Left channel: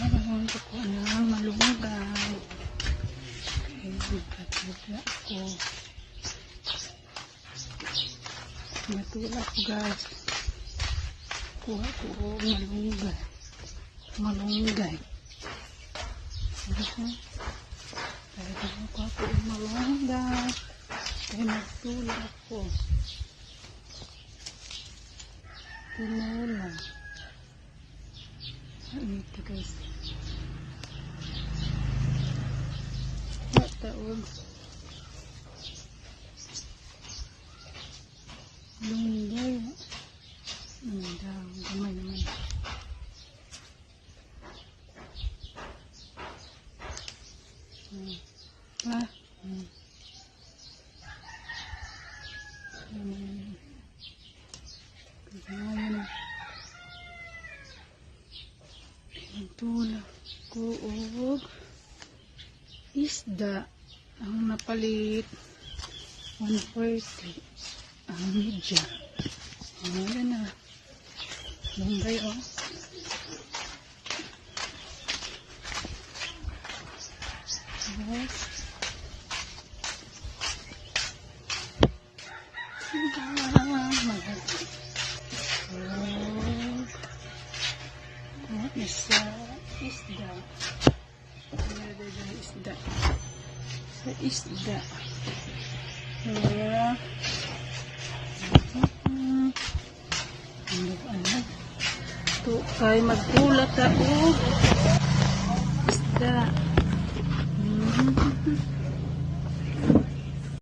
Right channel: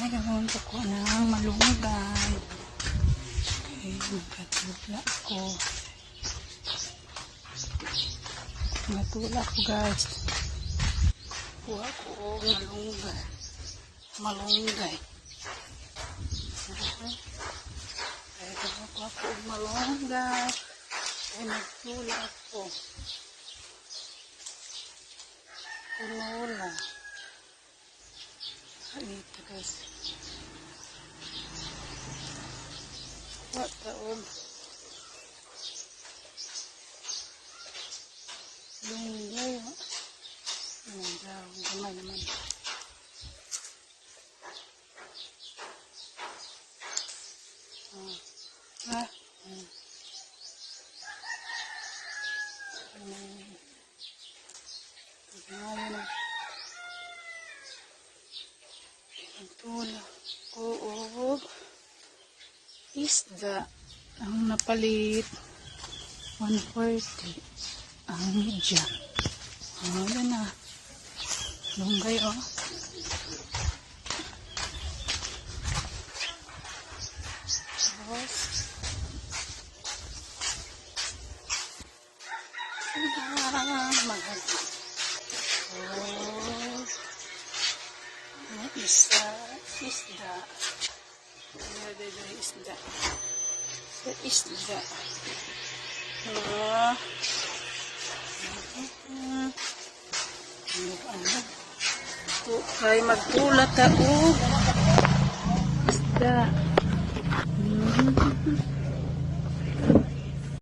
Ngayon, ako ng malungan. Ay, nagkatula ako. Nagkatula ako, guys. Kuha ko malunggay. Malunggay. Kaya kuha ko malunggay. Kaya nagtula ako. Tinola. Ito, guys. Taog lunggay daw gamay naman tula kuog isda ang napalit 140 ang media. Yan na lunggay tapos maganda isda isda ito kay magtula ta isda